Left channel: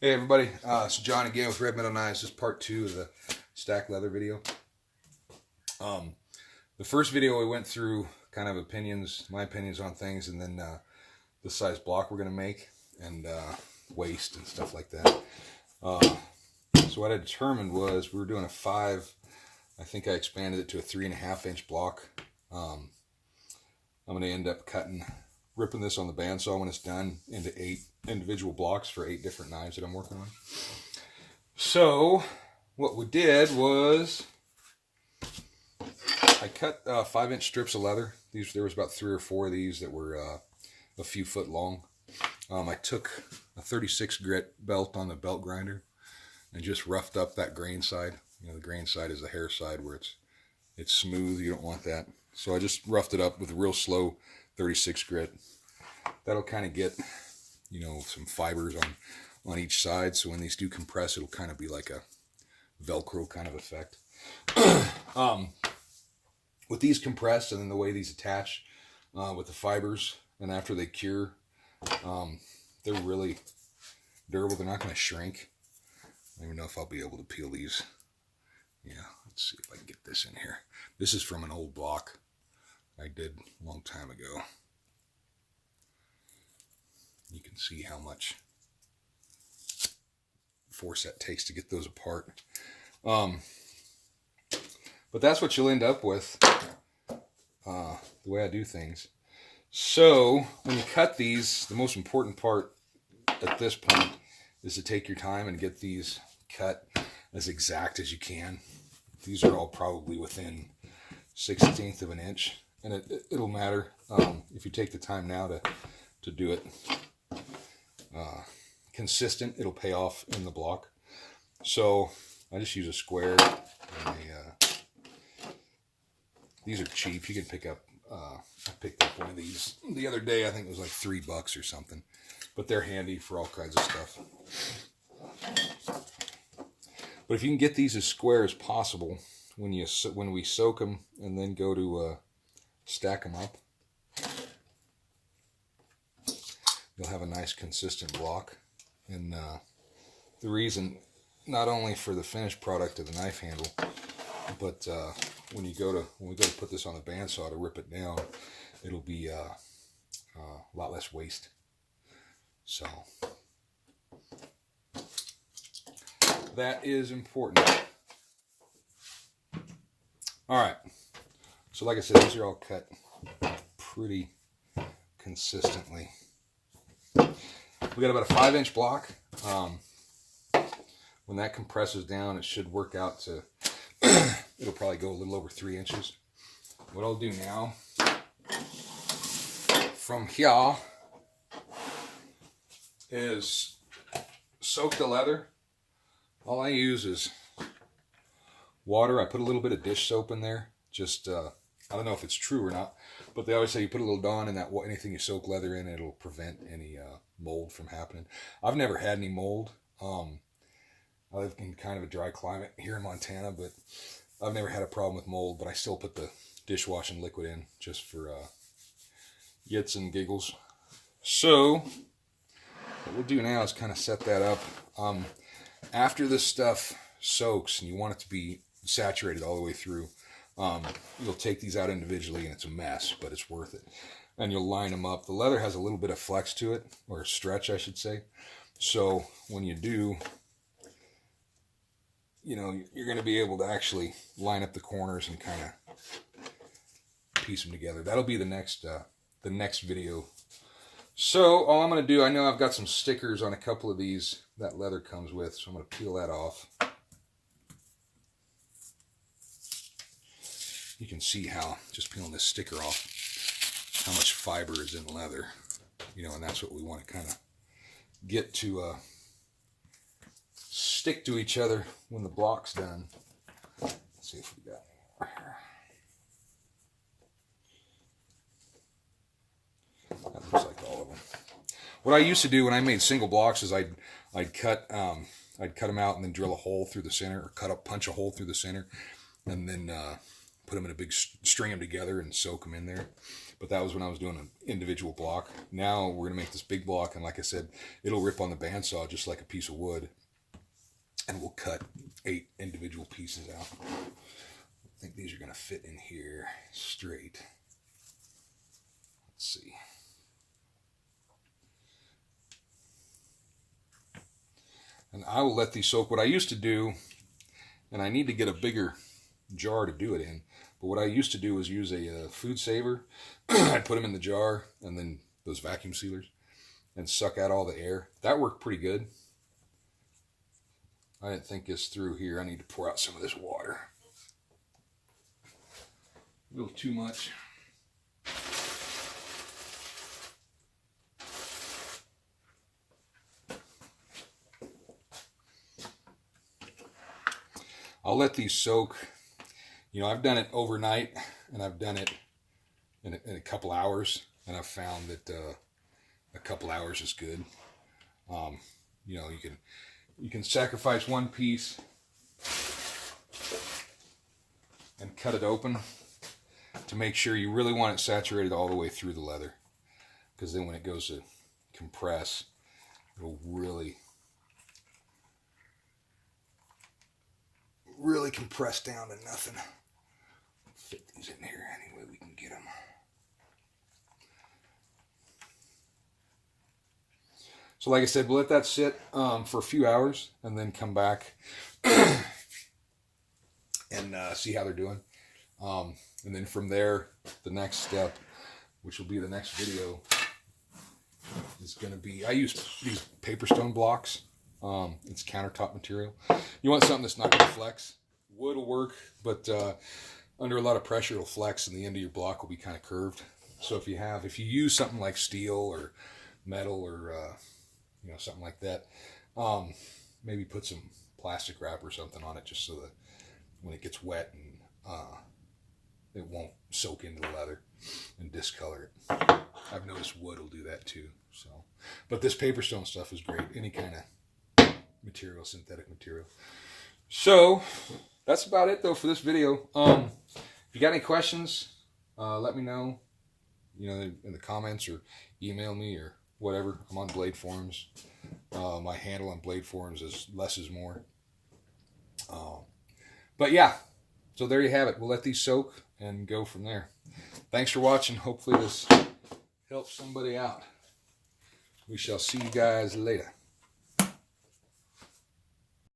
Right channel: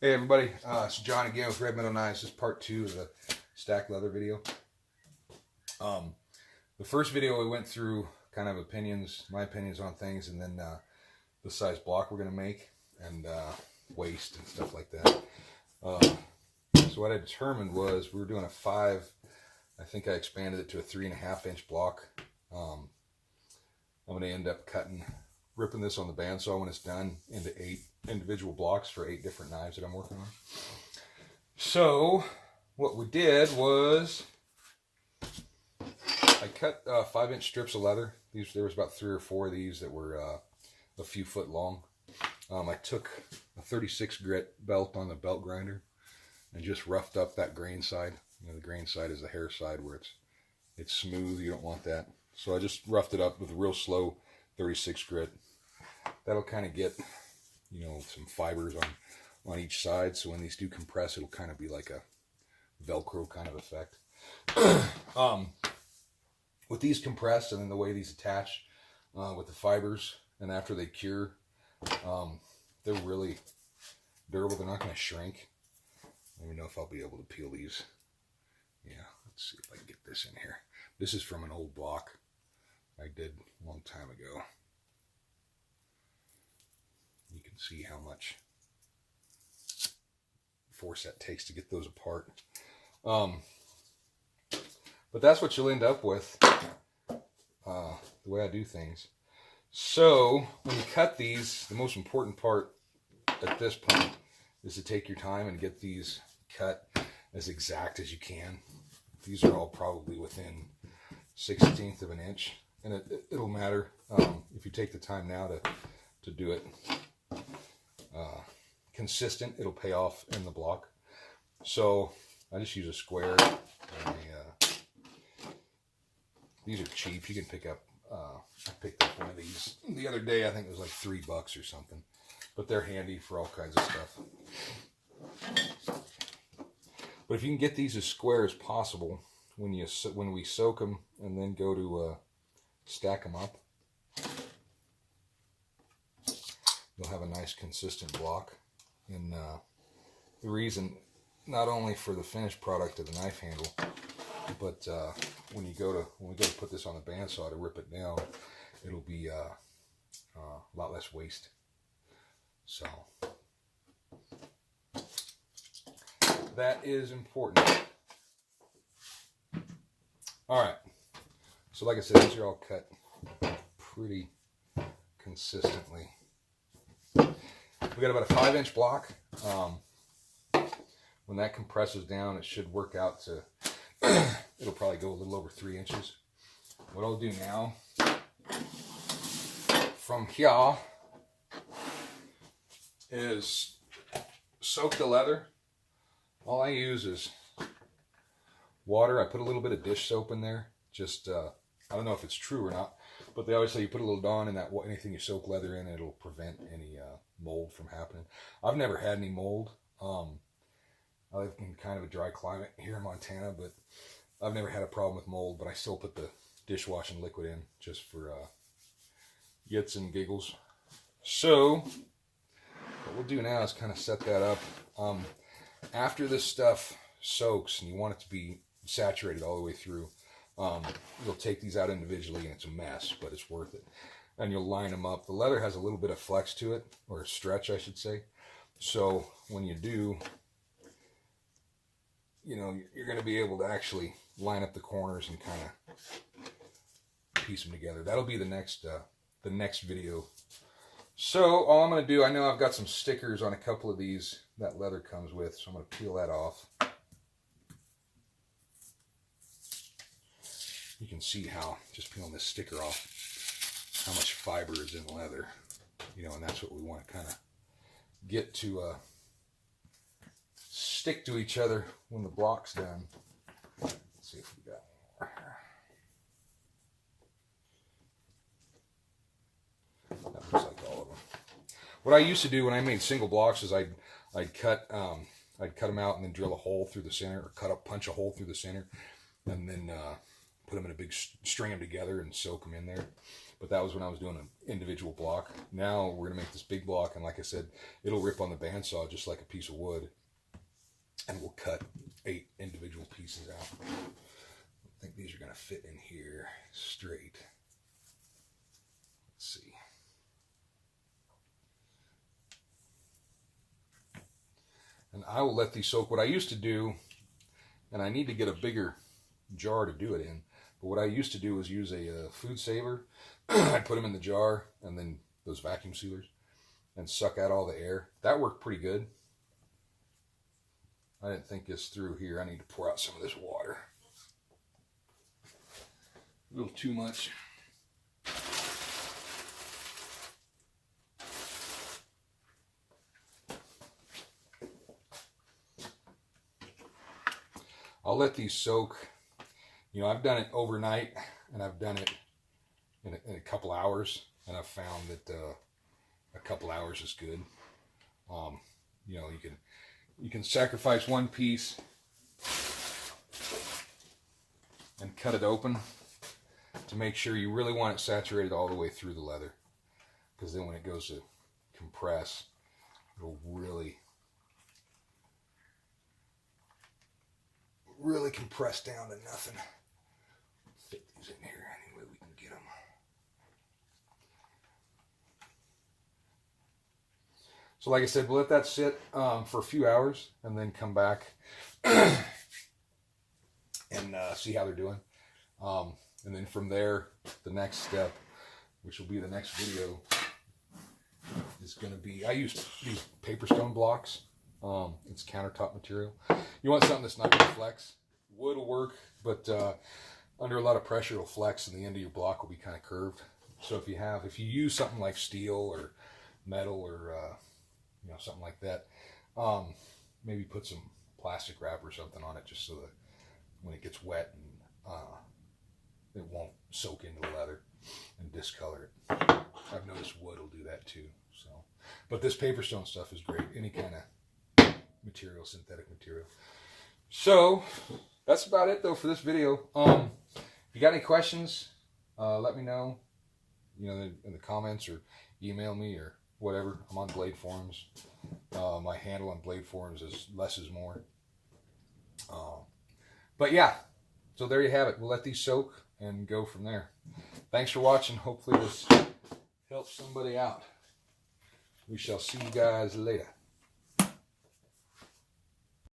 Hey everybody, it's John again with Red Meadow Knives. This is part two of the stack leather video. Um, the first video we went through kind of opinions, my opinions on things, and then the size block we're going to make, and waist and stuff like that. So what I determined was we were doing a 5. I think I expanded it to a 3.5-inch block. I'm going to end up ripping this on the bandsaw when it's done into 8 individual blocks for 8 different knives that I'm working on. So what we did was I cut 5-inch strips of leather. There was about 3 or 4 of these that were a few foot long. I took a 36 grit belt on the belt grinder and just roughed up that grain side. You know, the grain side is the hair side where it's smooth. You don't want that. So I just roughed it up with a real slow 36 grit. That'll kind of get, you know, some fibers on each side. So when these do compress, it'll kind of be like a Velcro kind of effect. With these compressed and then the way these attach with the fibers, and after they cure, they're really durable. They're not going to shrink. I don't even know if I'll be able to peel these. Yeah, let's see if I can get this in here. This is from an old block I did a long time ago. You can see how much force that takes to get those apart. But that's what you'll end up with, the way I do things. So when you cut these, the most important part at this point is to take your time and get these cut as exact as you can. These are all probably within 1/16 of an inch, and it'll matter if you take the time now to do it consistent. It'll pay off in the block. So I just use a square. These are cheap. You can pick up. I picked up one of these the other day. I think it was like $3 or something, but they're handy for all kinds of stuff. But if you can get these as square as possible when we soak them and then go to stack them up, you'll have a nice consistent block. And the reason, not only for the finished product of the knife handle, but when we go to put this on the bandsaw to rip it down, it'll be a lot less waste. So that is important. All right. So like I said, these are all cut pretty consistently. We got about a 5-inch block. When that compresses down, it should work out to, it'll probably go a little over 3 inches. What I'll do now, from here, is soak the leather. All I use is water. I put a little bit of dish soap in there. Just, I don't know if it's true or not, but they always say you put a little Dawn in that, anything you soak leather in, it'll prevent any mold from happening. I've never had any mold. I live in kind of a dry climate here in Montana, but I've never had a problem with mold, but I still put the dishwashing liquid in just for yits and giggles. So what we'll do now is kind of set that up. After this stuff soaks and you want it to be saturated all the way through, you'll take these out individually and it's a mess, but it's worth it. And you'll line them up. The leather has a little bit of flex to it, or stretch, I should say. So when you do, you know, you're going to be able to actually line up the corners and kind of piece them together. That'll be the next video. So all I'm going to do, I know I've got some stickers on a couple of these that leather comes with, so I'm going to peel that off. You can see how, just peeling this sticker off, how much fiber is in the leather. You know, and that's what we want to kind of get to stick to each other when the block's done. Let's see if we got any more. That looks like all of them. What I used to do when I made single blocks is I'd cut them out and then drill a hole through the center, or punch a hole through the center, and then put them in a big, string them together and soak them in there. but that was when I was doing an individual block. Now we're gonna make this big block, and like I said, it'll rip on the bandsaw just like a piece of wood, and we'll cut 8 individual pieces out. I think these are gonna fit in here straight. Let's see. And I will let these soak. What I used to do, and I need to get a bigger jar to do it in, but what I used to do was use a food saver. I'd put them in the jar, and then those vacuum sealers, and suck out all the air. That worked pretty good. I didn't think this through here. I need to pour out some of this water. A little too much. I'll let these soak. You know, I've done it overnight, and I've done it in a couple hours, and I've found that a couple hours is good. You know, you can sacrifice one piece and cut it open to make sure you really want it saturated all the way through the leather, because then when it goes to compress, it'll really compress down to nothing. Fit these in here any way we can get them. So like I said, we'll let that sit for a few hours and then come back and see how they're doing. And then from there, the next step, which will be the next video, is going to be, I use these paper stone blocks. It's countertop material. You want something that's not going to flex. Wood will work, but under a lot of pressure it'll flex, and the end of your block will be kind of curved. So if you use something like steel or metal or you know, something like that, maybe put some plastic wrap or something on it, just so that when it gets wet and it won't soak into the leather and discolor it. I've noticed wood will do that too. So, but this paper stone stuff is great. Any kind of material, synthetic material. So that's about it though for this video. If you got any questions, let me know, you know, in the comments, or email me or whatever. I'm on Blade Forums. My handle on Blade Forums is less is more. But yeah, so there you have it. We'll let these soak and go from there. Thanks for watching. Hopefully this helps somebody out. We shall see you guys later.